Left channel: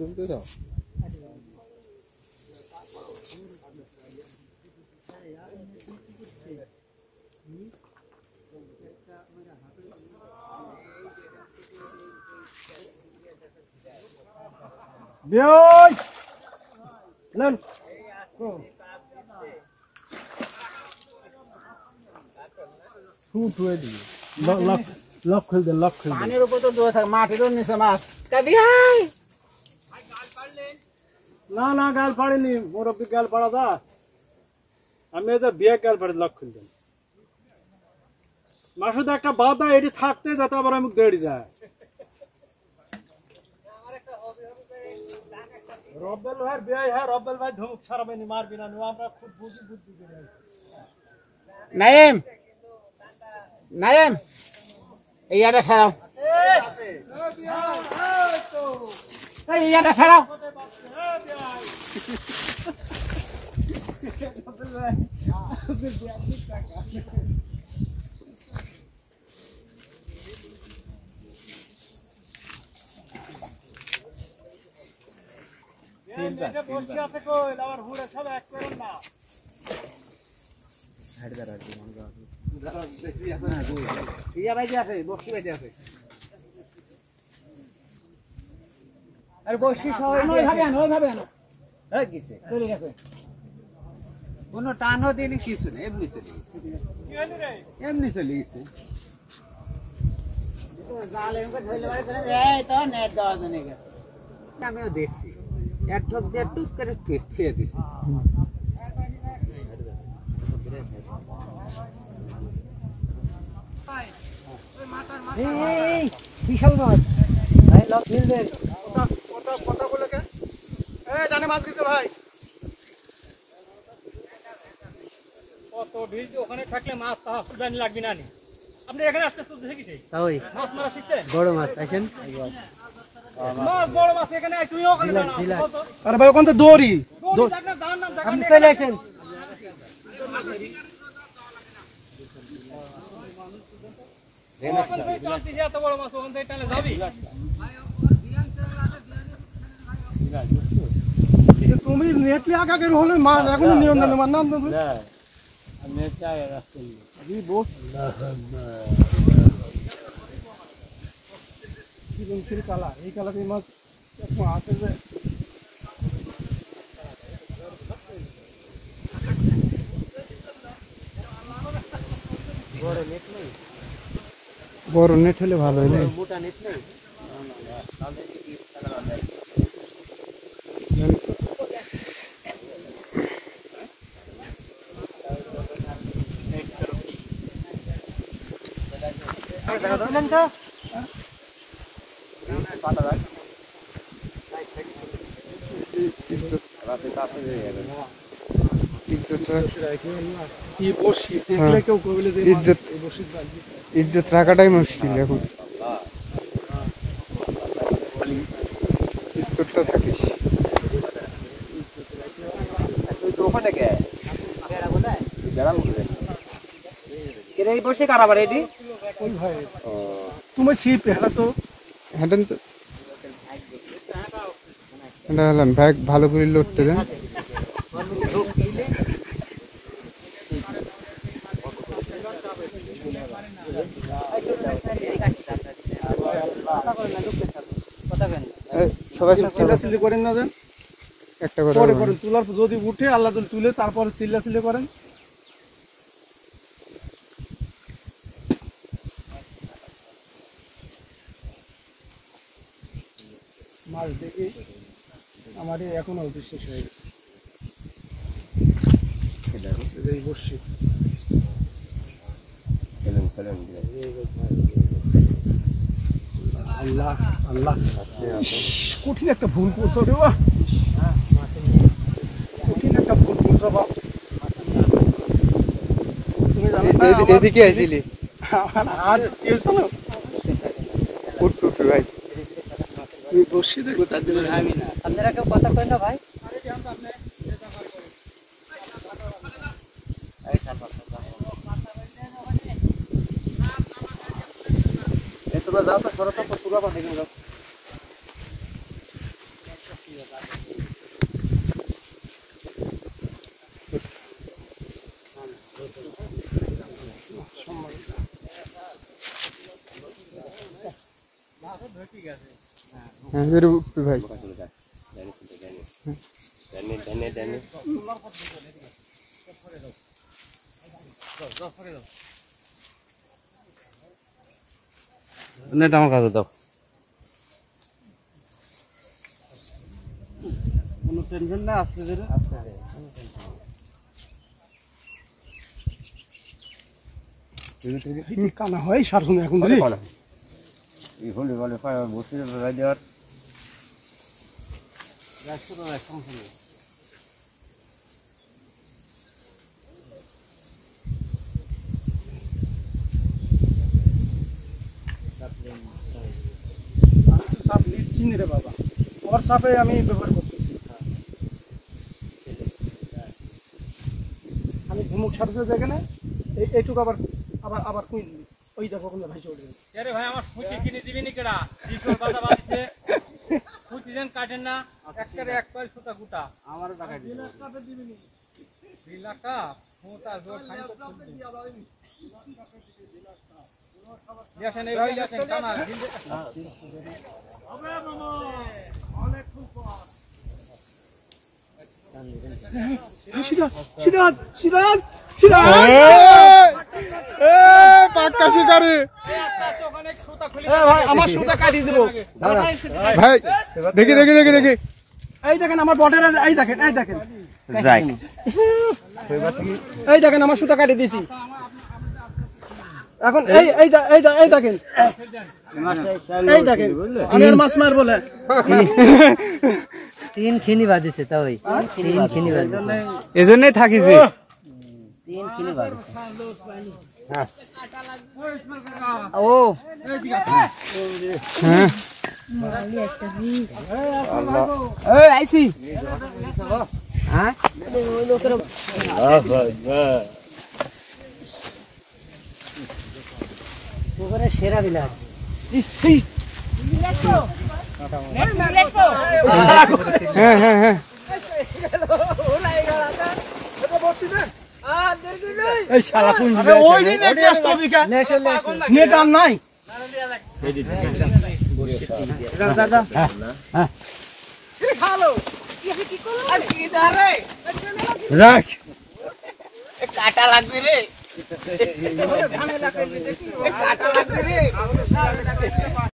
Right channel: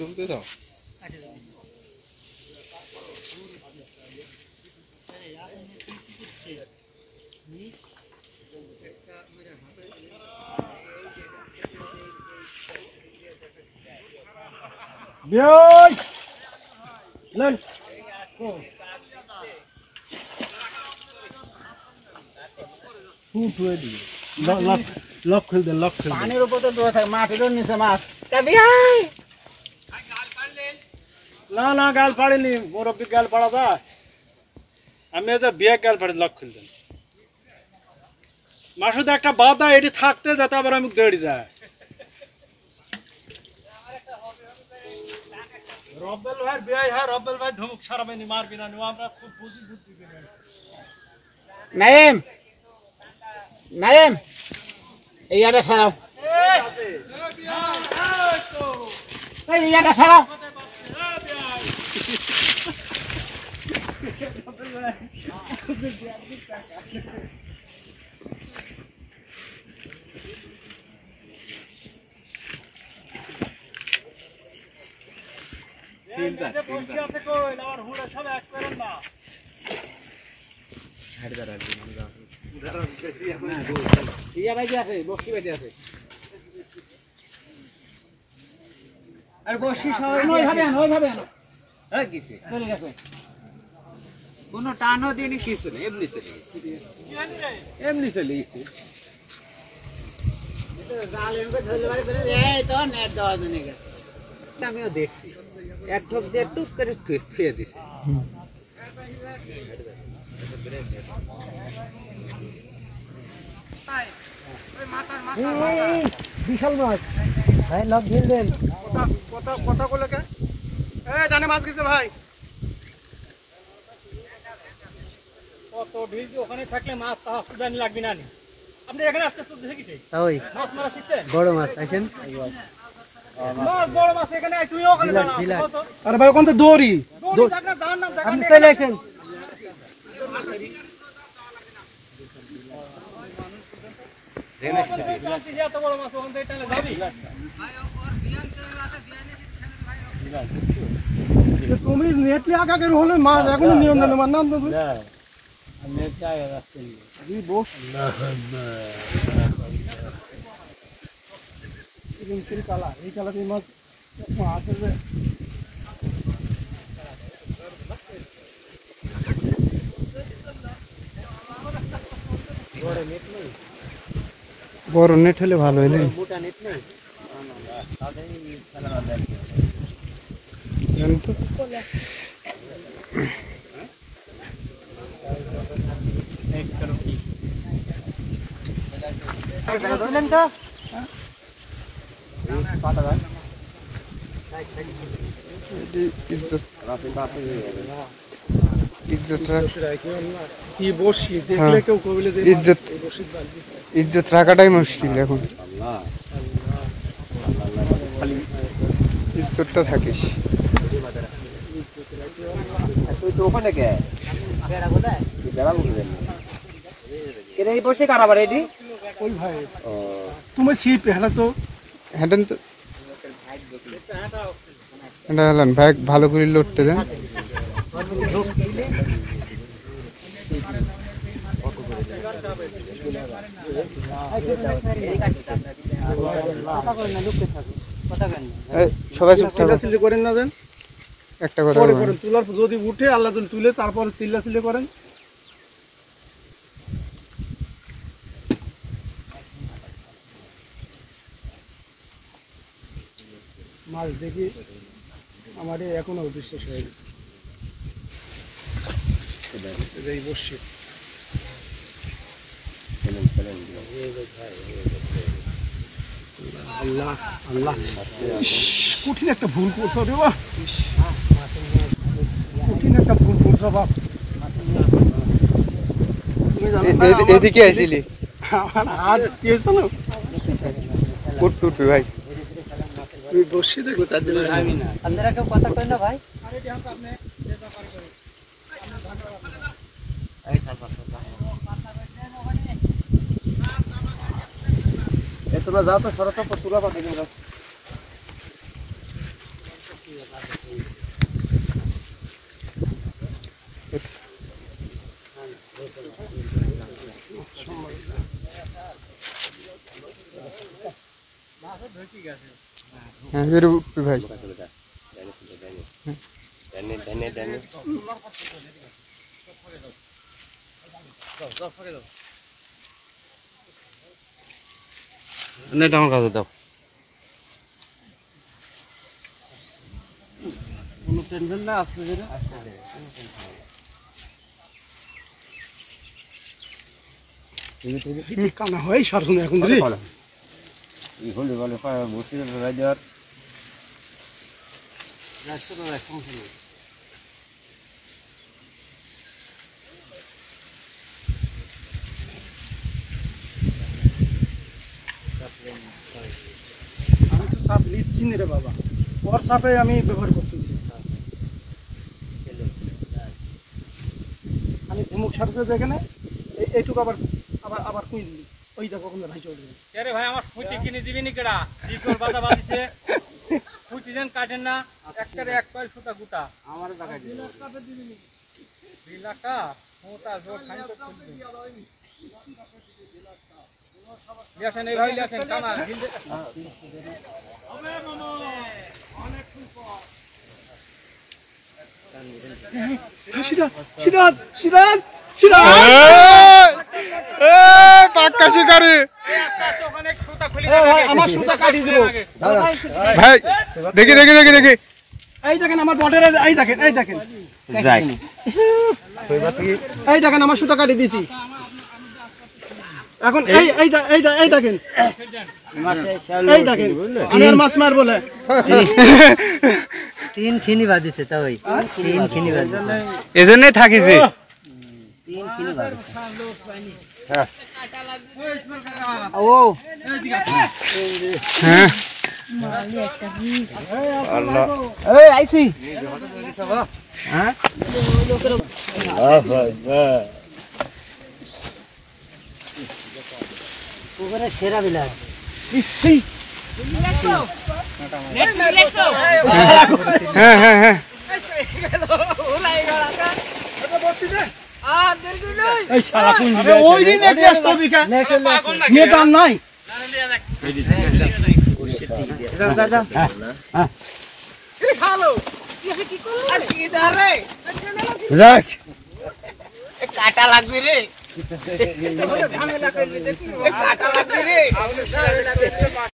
তুলতে দাও। লক খুল দেন, লক খুল দেন। পানির উপর তো দৌড়ে থাকে, মাটির নিচে মাছ। না না গাল পাড়েনি, মুরব্বী গাল পাড়া দা। আমি যে বিয়ে গাল পাড়ে লক খুল দেন। মাসুদ একটা বাধা এটি থাকতে যাতে আবার আমি দৌড়ি যায়। রব্বেল ভাই বিয়ে হয়, রব্বেল ভাই ধমক ছাড়াবেনি, মারবি না, আমরা খুব বুঝি বুদ্ধি করে। নাইম নাইম এই ইয়াটা ছাড়াও, এই ইয়াটা ছাড়াও। ইয়া ভাই আছে, বক্সি ভাই আছে। আর বক্সি সবাই ওইভাবে এই গেছে, চলে গেছে। কোন টানও দিনি কিছু নেই, এমনি চলে গেছে, এমনি চলে গেছে। জাল এমকে ধরলে বাড়ি করে এই তো নেট দেওয়া জানি গেছে। আমিও দেখছি এক ঠক দিয়ে টুক করে থুয়ে দিছে। বিশাল মাছ ভাই, লক ঢিল দেন। কথা বলে কে? ডানে মাছ গেছে ভাই। কত ঢিল ওখানে থাকলে মাছ তাহা সুদানি লাগবে না। আপনি এখানে আসতে তো দেখে কিসে ওই মাছ মারা শিখছেন? বড় মাছ আছেন, মাছ বড় মাছ এখানে আই, তুই ওখানে যা না। আরে ভাই ওখান থেকে দৌড়ি, দৌড়ি যাক না, দাঁড়ান না, আপনি চলে আসেন। এত বড় মাছ ওখান থেকে টানে যাবি? তুমি নেটলি আগে হলে মাছ এখন নিয়ম জানো মার নাম দেবো। কালা এই কালা মাছ আছে যে বড় নেট হলে ভালো হইলে। মোটা নেট নেই। ইজ্জত রাখাটাই মুশকিল এখন, ইজ্জতটা থাকিস। ওখানে কে বেড়া উঠে এই বসে কারাবার এটি তুমি ছিপ হেলা তো হ্যাঁ তো এটা হলেন ভাই, ভালো করে লড়তে দেন। সবাই করেন না দেন একটা কথা করেন, তুলার যদি উঠে আল্লাহ তুলে তারপর চিল্লা করেন। মাছ দেখি আমার এখনো অবিশ্বাস হয়ে গেছে। এই বসছি আল্লাহ আল্লাহ, কঠিন একটা ভুল করছো রে বাবা, কঠিন একটা ভুল করছো বাবা। এদিকে আইছিলি আর কি হয়েছিল উঠ ভাই, তুই বসছি দেখো তার জন্য আমি না। আপনারা কেউ কথা কই না ভাই? তোমরা যাও তো, তোরা তো তুলা পাঠে হ্যাঁ এর উঠবে ভাই নেট আমার কাছে দাও কোনো টেনশন না আসতে ধরে কানা হয় সারছুন এখন রে এই হলে বলে বসে রাজার আমি তো সাপ নিচ্ছি রে বাবা ওর সাপে আমি ব্যবহার করতেছি আমি ধুমুক সারতে যেখানে এইটুকু আবার আবার আবার কই দিই ওই দেখো কোন ভাই চলে গেল আরে ভাই আমার ফুটি কিনে দিবি নি কেডা কি করে বাধা বাঁধছে ফুটি যেন কাটেন না একটারে এক কয়েল সুতা গুটা আমার টাকা দিই 2 লাখ টাকা মোটা জোর খাই তো দেখেন এই ভাই দেখেন কানা দিল হবে মামা অনেক সুপার সিরাজ সিরাজ সিরাজ সিরাজ পাক্কা শিকারি ওখানে সুতা খুলে ভাই আমার সুতা কাটি দিব ভাই দেখি দেখি দেখি দেখি এই দেখেন আমার বটের এই দেখেন যাই এই দেখেন আমার সুতা কাটি দিছি এখন এই এই এই এই দেখেন এই দেখেন আমি আর মাছ মার বলে 3 খিনি বাজিছে তা ওই 3 খিনি বাজিছে এজন্যই থাকিছি 3 খিনি বাজিছে ও হ্যাঁ এই আইছি হ্যাঁ ওখানে সেরা বিলাস হ্যাঁ হ্যাঁ হ্যাঁ ওই দিন একটু আসতে হবে কা নেট আর নাই রাখ কাটা লাগবে রে কাটা লাগবে রে